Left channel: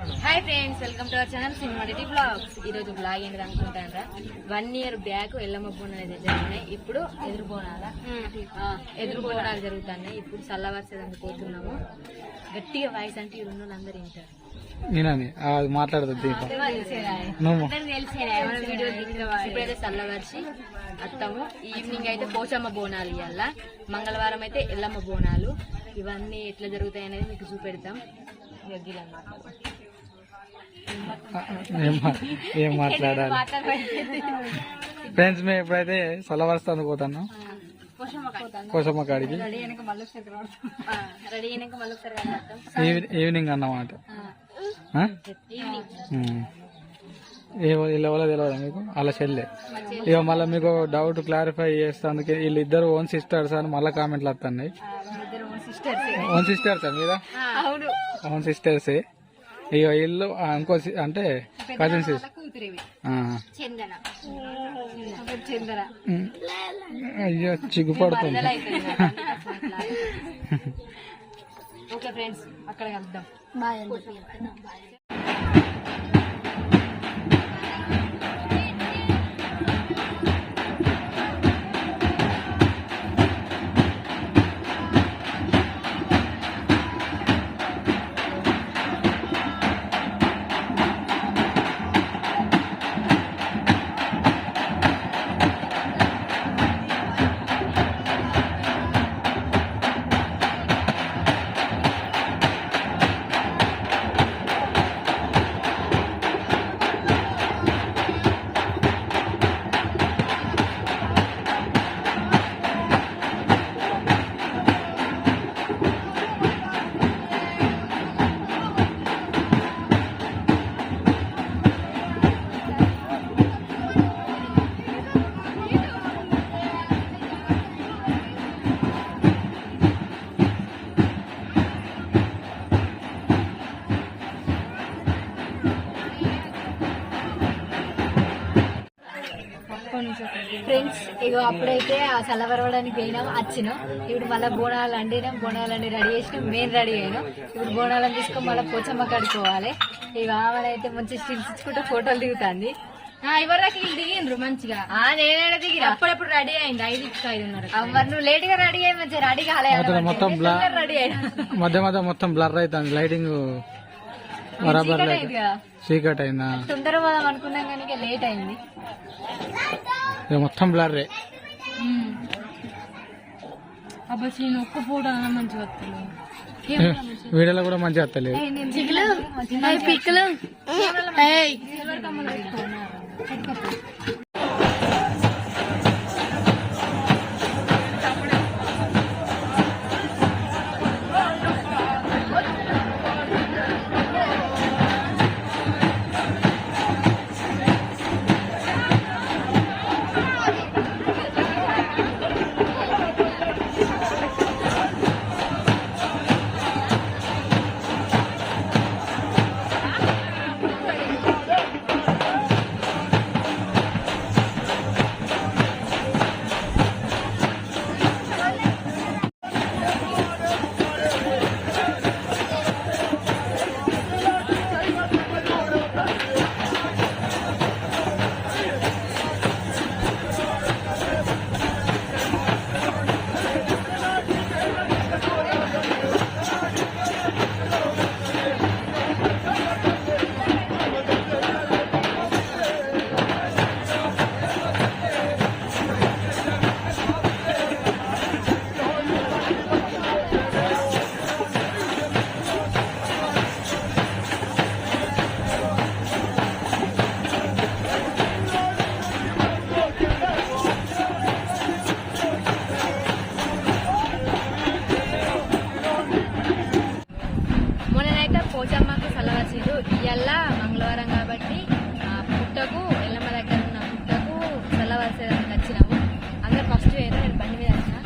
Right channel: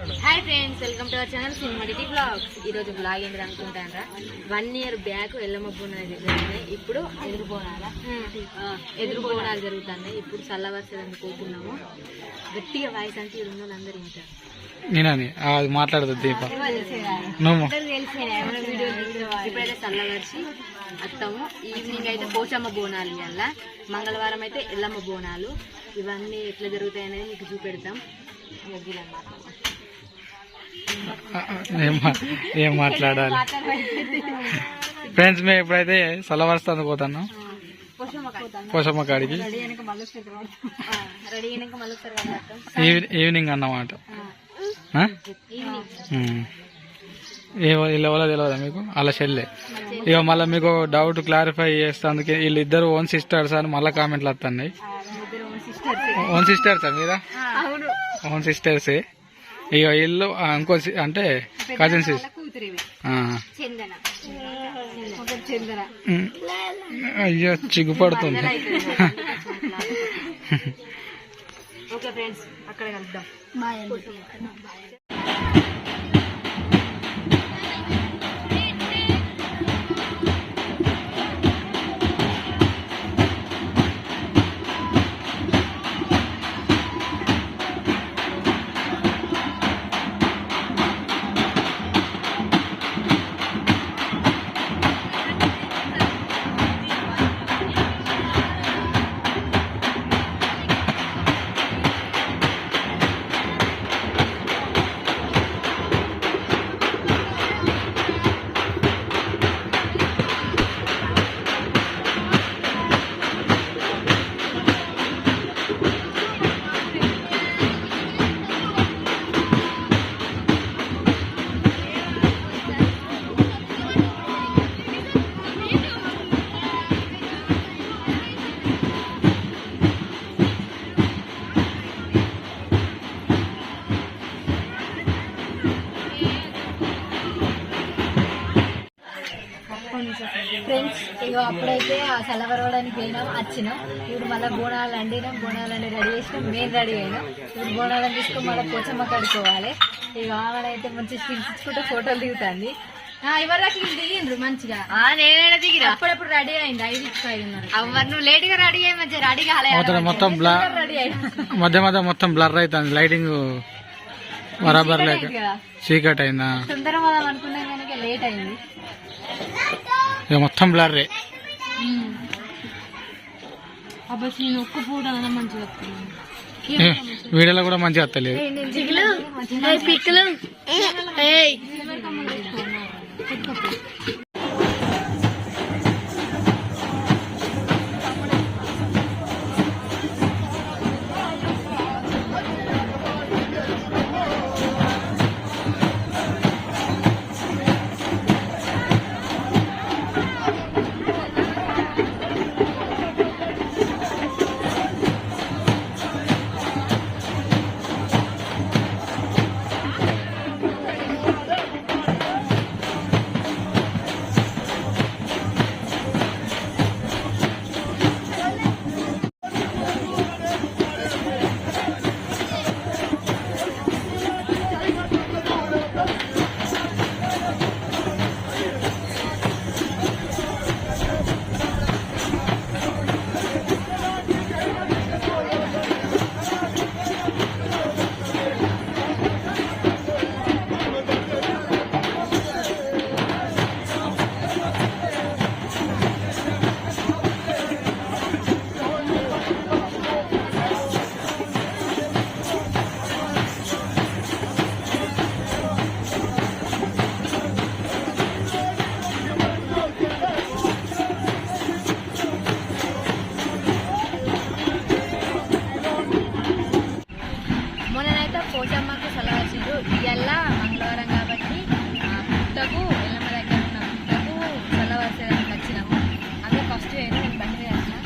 Hi friends, welcome to our channel సినిమాటిటీ blogs. ఈరోజు blog ఏంటి అనుకుంటారా, 1 year బ్యాక్ ఎల్లమ్మ బోనాలు జరిగినాయి. ఇప్పుడు ఎదురు బోనాలు జరుగుతున్నాయి. ఇప్పుడు చల్లవర్షం పోతున్నాము. గట్టిగా వాయిస్ అంటే ఈ రెండు అందరూ వింటారు. అది మాట్లాడదు దీప ఇప్పుడైతే చల్లవర్షి వస్తాము. ఈవినింగ్ అయితే పోచమ్మ బోనాలు ఇవాళ, మంగళవారం అయితే ఎల్లమ్మ బోనాలు. ఇవన్నీ ఎట్లా జరుగుతాయి అనేది మీకు చూపెడతాం. ఏం మాట్లాడాలి ఫ్రెండ్స్? మేము ఎప్పుడైతే చల్లవరుస్తాను పోతాను పోషమ్మ కాడికి ఈవినింగ్ అన్నమాట. ఎవరో తెలియదా మీకు? అలా చెల్లె. ఇక మళ్ళీ మీకు డౌట్ క్లారిఫై చేస్తానికి వీళ్ళిద్దరు ఓన్ సిస్టర్స్ అని మళ్ళీ కామెంట్లు వస్తున్నాయి. ఓన్ సిస్టర్సా మీరా? ఓన్ సిస్టర్సే. ఇక ఇల్లు ఇంకో అంటే కజిన్ సిస్టర్. అయ్యో చిగ్గుపడుతుంది. ఓకే ఫ్రెండ్స్, అక్కడ కలుద్దాం. ఫ్రెండ్స్, ఇక అప్పుడైతే ఆ చల్లవరవడానికి పోయినాం, వచ్చినాం. ఇప్పుడు మళ్ళీ బోనాలు అండినాం, బోనాలు రెడీ చేసినాం, మేము రెడీ అయినాం. ఇప్పుడు బోనాలను తీసుకొని మళ్ళీ పోచమ్మ కడుకోవాలి. ఇక ఆమెనైతే మంచి స్టిల్స్ ఇచ్చుకుంటే ఫోటోలు దిగుతుంది. ఎవరికి దిగిండ్రు మంచిగా, నేనైనా దిగిన. అప్పుడప్పుడు రెడీ అయింది 5:30. మరి నువ్వు లేట్ గా రెడీ అయ్యి మంచిగా రెడీ కాలేదు. మొత్తం రెడీ అయింది. మధ్య మధ్య మొత్తం బ్లర్ అవుతుంది. లైటింగ్ బరాబర్ లేక చీకట్ అయిందా? తొందరగా పోదాం అనుకున్నాం కానీ లేట్ అయింది. ఇక మొత్తం బ్లర్రే. అబ్బాయి నేను ఒక్క పూట మంచిగా వస్తున్నాను. వీడియోలో కూడా మంచిగా వస్తలేదు. పోచమ్మకు చల్లవరిచిండ్రు. ఇవాళ మంగళవారం కాబట్టి పుట్టకు ఎల్లమ్మ దగ్గర ఉన్న పుట్టకు చల్లవరిసేదానికి వచ్చినాము. అందరు ఫస్ట్ వేరు, నేను బండి మీద వచ్చిన.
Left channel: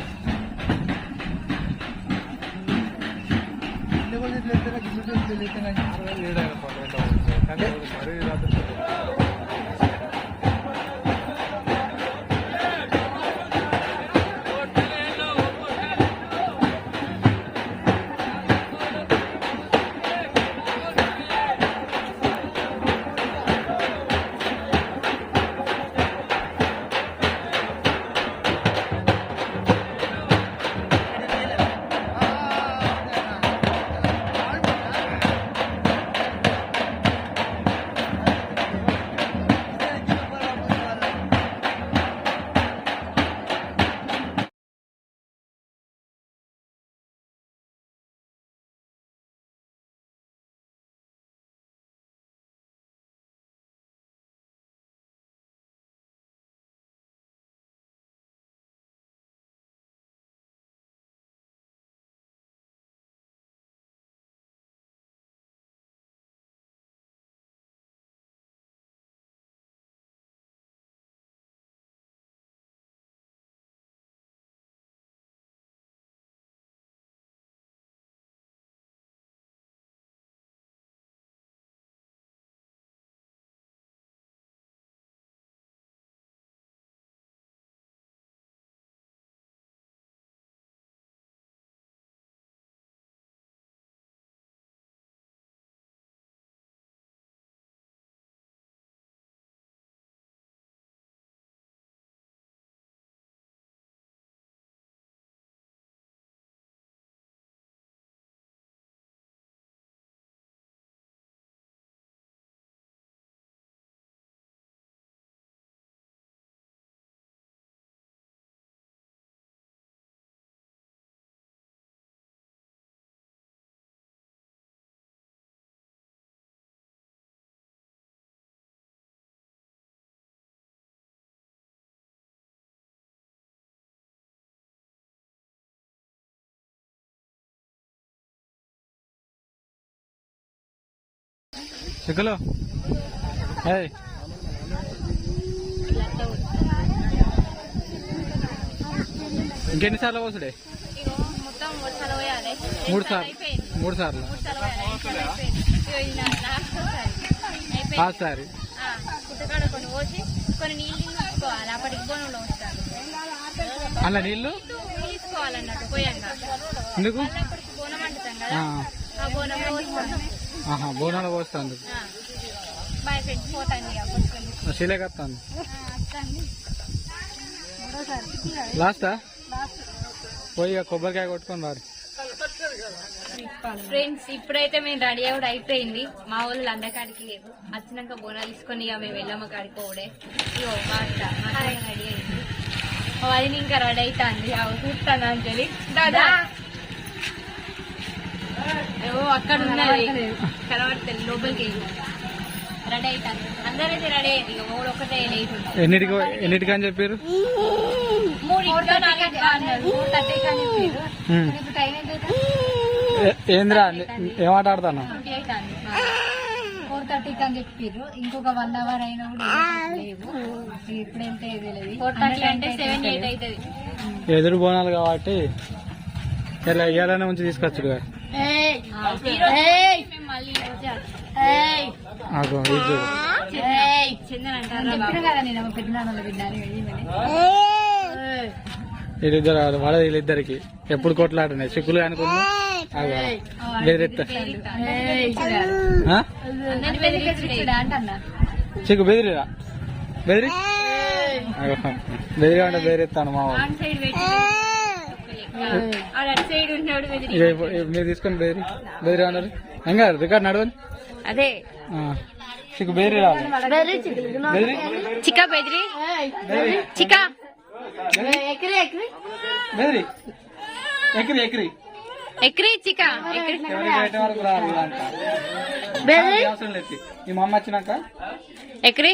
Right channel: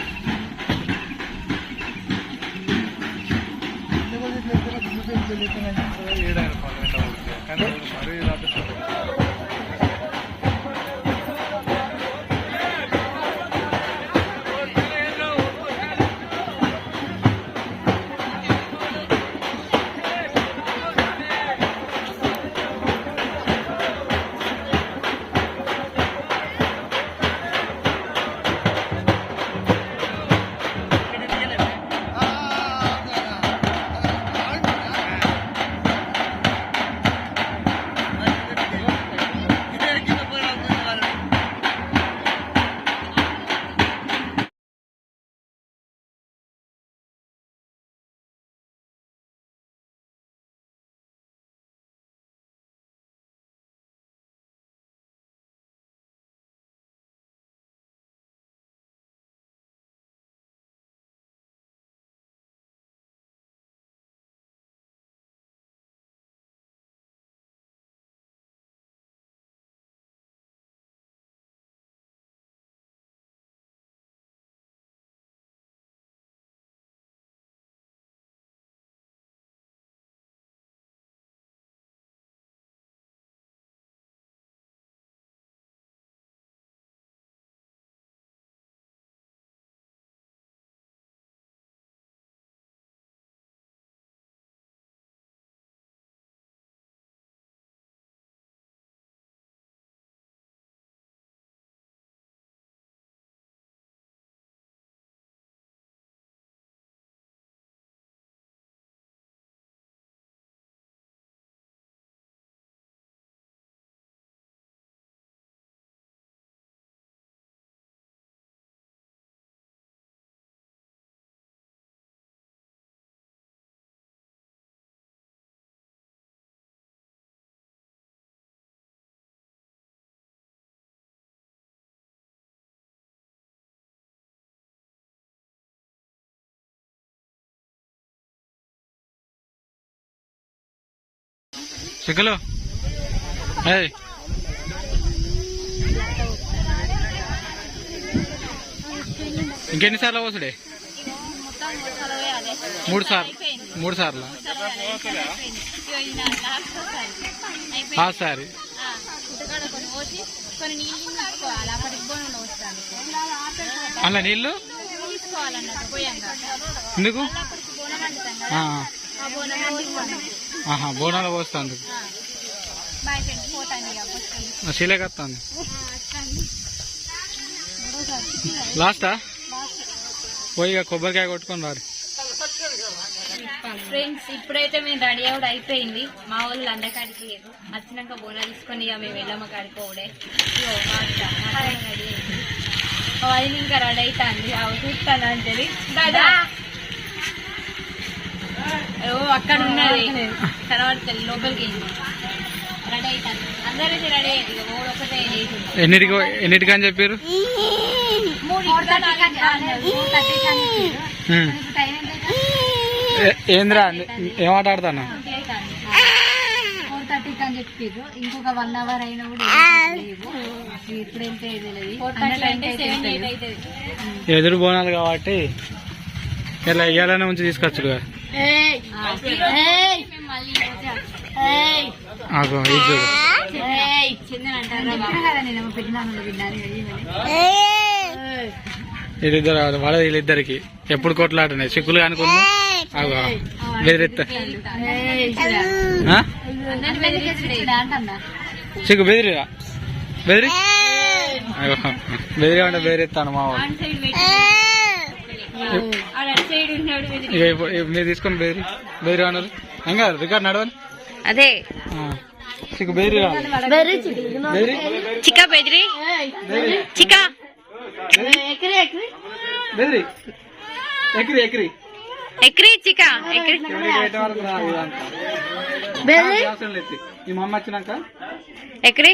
చిక్కులు ఏయ్ ఇంకెన్నిసార్లు పోసుడే? మొత్తం 3 సార్లు పోయాలి. 3 సార్లు 3 సార్లు సారి పుట్టకాడ కొన్ని పోసి కొన్ని నీళ్ళు తీసుకోవాలి. అప్పటికి బోనంలో వస్తాను అలా నీళ్ళు తీసుకోవాలన్నట్టు పోయాక ఎందుకు? అప్పటికి బోనం వండుతాం కదా, ఆ బోనంలో పోస్తాను. బోనాలు పోస్తాను మై ఫ్రెండ్స్ పోతాను కాబట్టి శీలేకత్తాను. లాస్టా పోయి ఇక కొబ్బరికాయ కొట్టుకొని రారు. ఫ్రెండ్స్ ఇప్పుడైతే మేము రెడీ అవ్వడం అయిపోయింది. మా వాళ్ళు అందకాడికి లేదు, వచ్చినాక బోనాలు తీసుకొని ఇక మేము వెళ్ళమ్మ కాడికి పోవడే. ఇగో మాట రెడీ అయింది. అది ఇంకా రెడీ అవుతుంది. చూస్తాను అంజలి దాదా అక్కడ ఉన్నది కనబడుతుంది లోపలికి రెడీ అవుతాను. అందరైతే రెడీ అయ్యింది. ఇక మూడు ఒక్కటే ఎన్నిటికి అని చెప్పారు? 3 టైం ఏంద్రా ఏమాట ఆడతాను? 4:30 అని చెప్పారు. ఇంకొక 1 అవర్ అయినా కూడా లేవు. ఇప్పుడైతే ఎదురు బోనాలు కాబట్టి ఇలా ఇయ్యాలనే ఉంచి తీసుకొచ్చుడుగా. వీళ్ళిద్దరు వాళ్ళ వీళ్ళిద్దరికి ఎప్పుడు కొట్లాడున్నాయి చిక్కులు అనుకున్నా. బెదిరిస్తా చిక్కు బెదిరిరా బెదిరి బెదిరిగా ఉంటే బెదిరిస్తాను మా వాళ్ళు. ఇక మీరు తీసుకొని బెదిరి అన్నారు. ఇంకా రికార్డ్ నడవని అదే చిక్కు బెదిరి రావాలి. బెదిరి చికా బెదిరి చికా బెదిరి ఎక్కిరి ఎక్కిరి ఎక్రి చికా ఎక్రి వరకు రాదు. ఈ మా అమ్మ వచ్చినాక ఎక్రి